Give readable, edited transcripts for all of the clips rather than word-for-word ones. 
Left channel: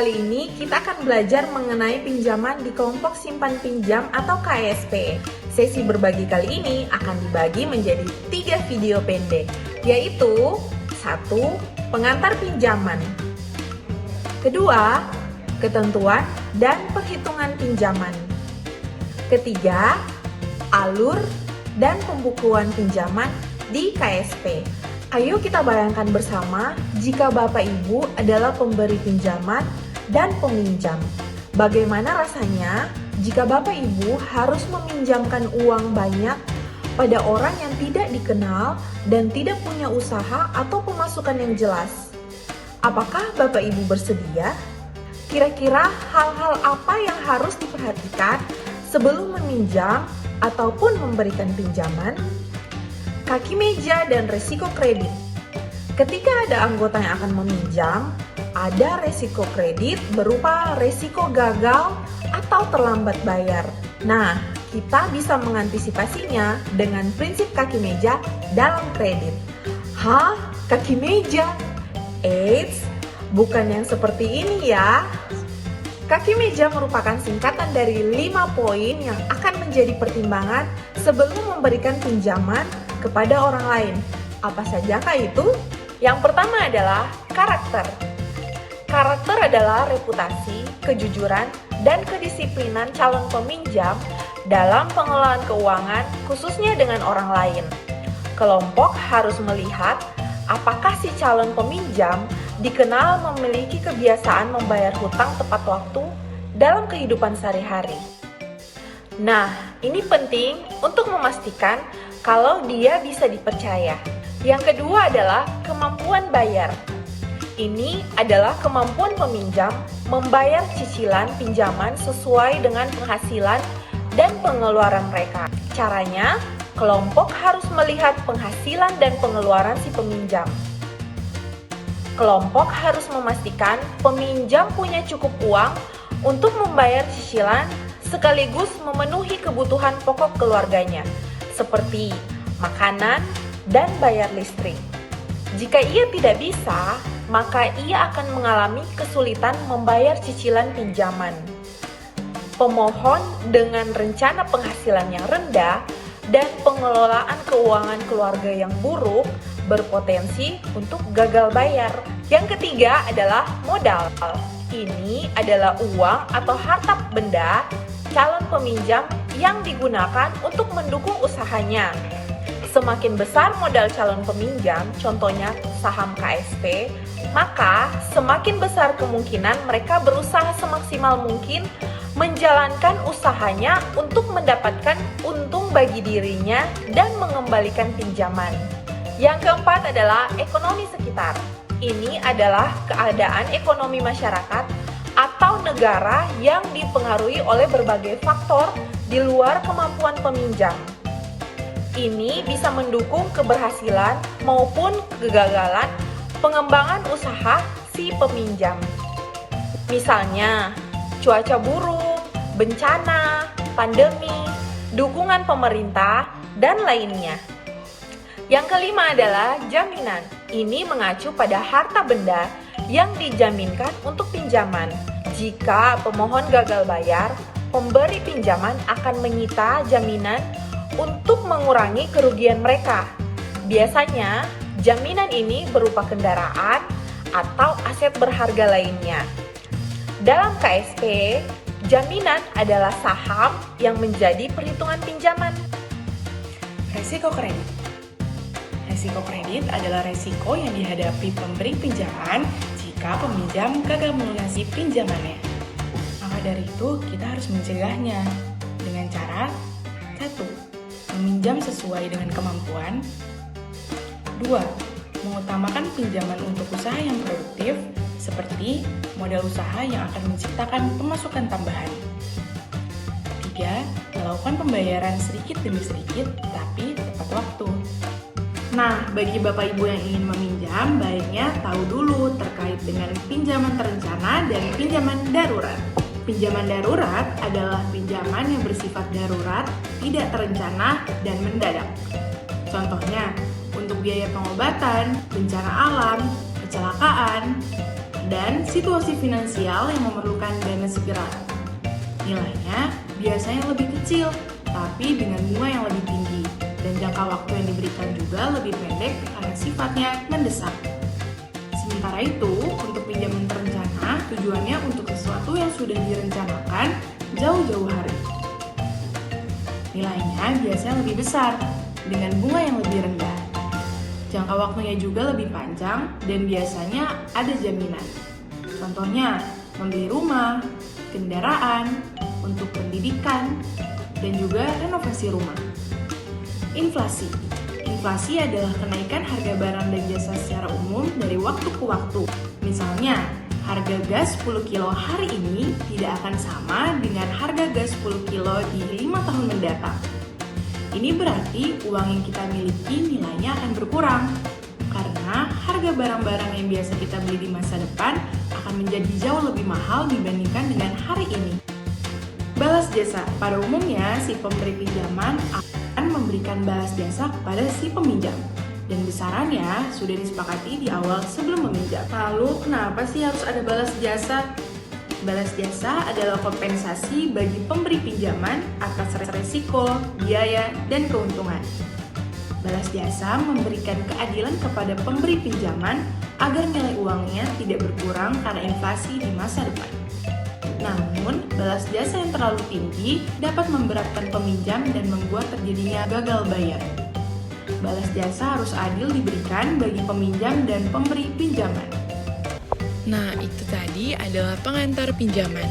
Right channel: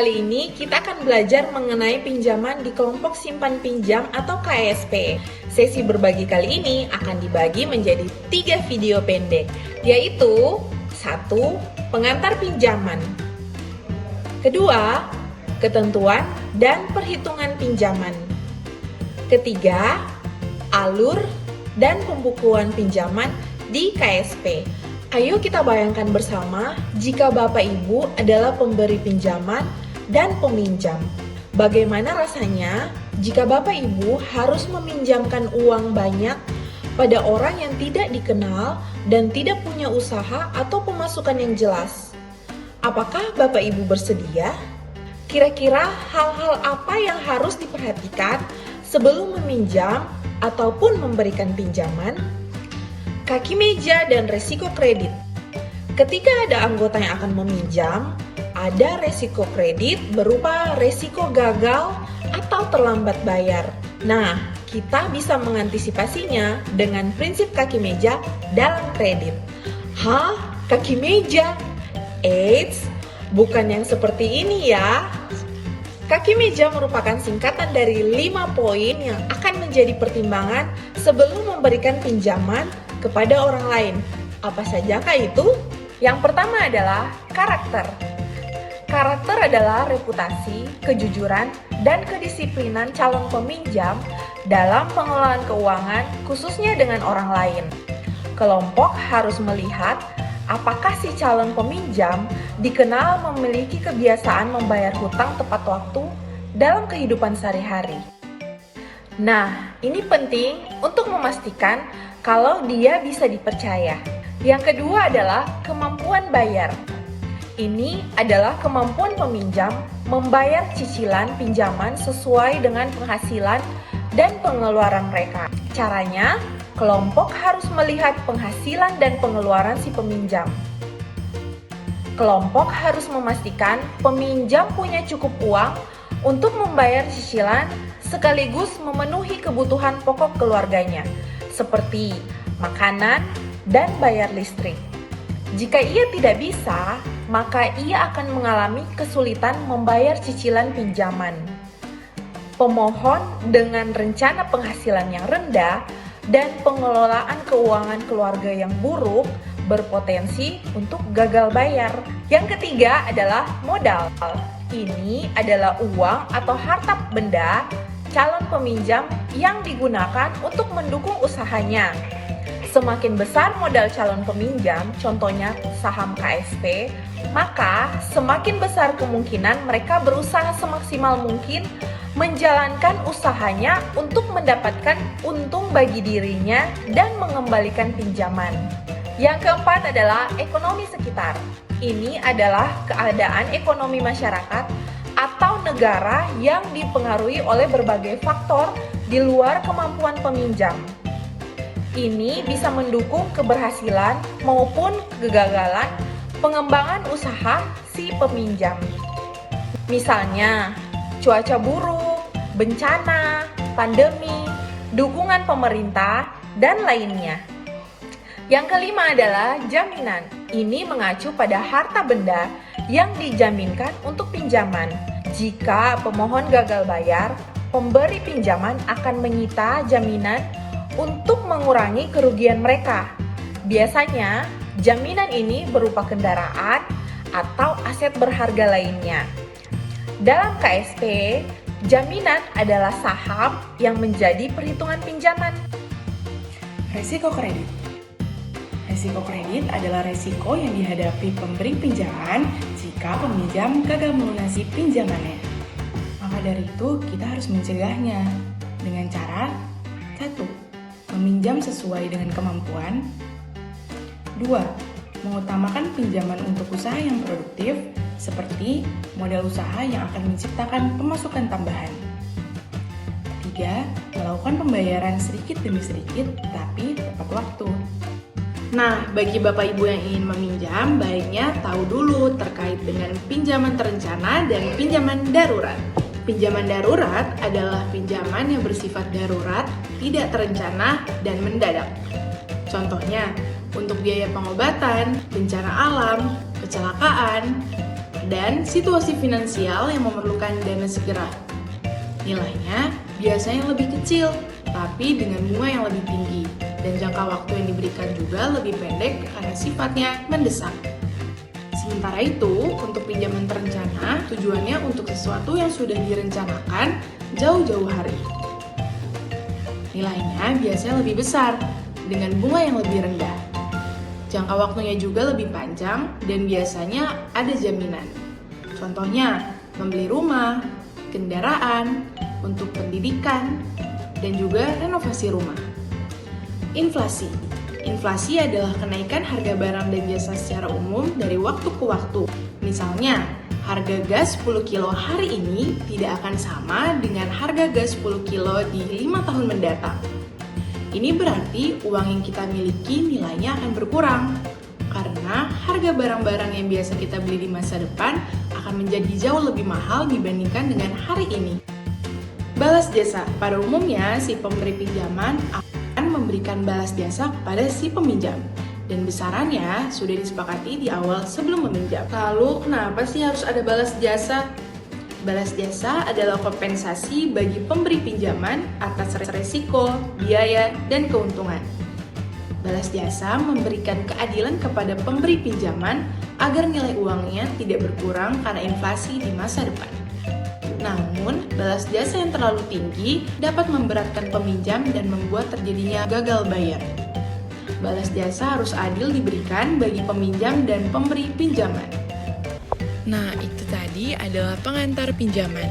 Kali ini kita akan belajar mengenai pinjaman di kelompok simpan pinjam atau KSP. Sesi berbagi kali ini akan dibagi menjadi 3 video pendek, yaitu 1. Pengantar pinjaman, 2. Ketentuan dan perhitungan pinjaman, 3. Alur dan pembukuan pinjaman di KSP. Ayo kita bayangkan bersama jika Bapak Ibu adalah pemberi pinjaman dan peminjam. Bagaimana rasanya jika Bapak Ibu harus meminjamkan uang banyak pada orang yang tidak dikenal dan tidak punya usaha atau pemasukan yang jelas? Apakah Bapak Ibu bersedia? Kira-kira hal-hal apa yang harus diperhatikan sebelum meminjam ataupun memberikan pinjaman? Kaki meja dan resiko kredit. Ketika ada anggota yang akan meminjam, ada resiko kredit berupa resiko gagal atau terlambat bayar. Nah, kita bisa mengantisipasinya dengan prinsip kaki meja dalam kredit. Hah? Kaki meja? Eits, bukan yang seperti ini ya. Kaki meja merupakan singkatan dari 5 poin yang akan menjadi pertimbangan sebelum memberikan pinjaman kepada orang lain. Apa sajakah itu? Yang pertama adalah karakter. Karakter adalah reputasi, kejujuran, dan kedisiplinan calon peminjam dalam pengelolaan keuangan, khususnya dengan orang lain. Kelompok harus melihat apakah si calon peminjam dikenal memiliki kebiasaan membayar hutang tepat waktu dalam kehidupan sehari-hari. Nah, ini penting untuk memastikan kalau dia bisa dipercaya. Yang kedua adalah kemampuan bayar. Ini adalah kemampuan peminjam membayar cicilan pinjaman sesuai dengan penghasilan dan pengeluaran mereka. Caranya, kelompok harus melihat penghasilan dan pengeluaran si peminjam. Kelompok harus memastikan peminjam punya cukup uang untuk membayar cicilan sekaligus memenuhi kebutuhan pokok keluarganya, seperti makanan dan bayar listrik. Jika ia tidak bisa, maka ia akan mengalami kesulitan membayar cicilan pinjaman. Pemohon dengan rencana penghasilan yang rendah dan pengelolaan keuangan keluarga yang buruk berpotensi untuk gagal bayar. Yang ketiga adalah modal. Ini adalah uang atau harta benda calon peminjam yang digunakan untuk mendukung usahanya. Semakin besar modal calon peminjam, contohnya saham KSP, maka semakin besar kemungkinan mereka berusaha semaksimal mungkin menjalankan usahanya untuk mendapatkan untung bagi dirinya dan mengembalikan pinjaman. Yang keempat adalah ekonomi sekitar. Ini adalah keadaan ekonomi masyarakat atau negara yang dipengaruhi oleh berbagai faktor di luar kemampuan peminjam. Ini bisa mendukung keberhasilan maupun kegagalan pengembangan usaha si peminjam. Misalnya, cuaca buruk, bencana, pandemi, dukungan pemerintah, dan lainnya. Yang kelima adalah jaminan. Ini mengacu pada harta benda yang dijaminkan untuk pinjaman. Jika pemohon gagal bayar, pemberi pinjaman akan menyita jaminan untuk mengurangi kerugian mereka. Biasanya, jaminan ini berupa kendaraan atau aset berharga lainnya. Dalam KSP, jaminan adalah saham yang menjadi perhitungan pinjaman. Risiko kredit. Risiko kredit adalah risiko yang dihadapi pemberi pinjaman jika peminjam gagal melunasi pinjamannya. Maka dari itu, kita harus mencegahnya dengan cara 1. Meminjam sesuai dengan kemampuan. 2. Mengutamakan pinjaman untuk usaha yang produktif, seperti modal usaha yang akan menciptakan pemasukan tambahan. 3. Melakukan pembayaran sedikit demi sedikit, tapi tepat waktu. Nah, bagi Bapak Ibu yang ingin meminjam, baiknya tahu dulu terkait dengan pinjaman terencana dan pinjaman darurat. Pinjaman darurat adalah pinjaman yang bersifat darurat, tidak terencana, dan mendadak. Contohnya, untuk biaya pengobatan, bencana alam, kecelakaan, dan situasi finansial yang memerlukan dana segera. Nilainya biasanya lebih kecil, tapi dengan bunga yang lebih tinggi, dan jangka waktu yang diberikan juga lebih pendek karena sifatnya mendesak. Sementara itu, untuk pinjaman terencana, tujuannya untuk sesuatu yang sudah direncanakan jauh-jauh hari. Nilainya biasanya lebih besar, dengan bunga yang lebih rendah. Jangka waktunya juga lebih panjang dan biasanya ada jaminan. Contohnya, membeli rumah, kendaraan, untuk pendidikan, dan juga renovasi rumah. Inflasi. Inflasi adalah kenaikan harga barang dan jasa secara umum dari waktu ke waktu. Misalnya, harga gas 10 kilo hari ini tidak akan sama dengan harga gas 10 kilo di 5 tahun mendatang. Ini berarti uang yang kita miliki nilainya akan berkurang, karena harga barang-barang yang biasa kita beli di masa depan akan menjadi jauh lebih mahal dibandingkan dengan hari ini. Balas jasa. Pada umumnya, si pemberi pinjaman akan memberikan balas jasa kepada si peminjam, dan besarannya sudah disepakati di awal sebelum meminjam. Lalu, kenapa sih harus ada balas jasa? Balas jasa adalah kompensasi bagi pemberi pinjaman atas resiko, biaya, dan keuntungan. Balas jasa memberikan keadilan kepada pemberi pinjaman agar nilai uangnya tidak berkurang karena inflasi di masa depan. Namun, balas jasa yang terlalu tinggi dapat memberatkan peminjam dan membuat terjadinya gagal bayar. Balas jasa harus adil diberikan bagi peminjam dan pemberi pinjaman. Nah, itu tadi adalah pengantar pinjaman.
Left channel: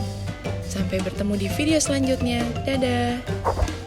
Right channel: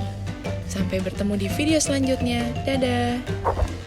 Sampai bertemu di video selanjutnya. Dadah!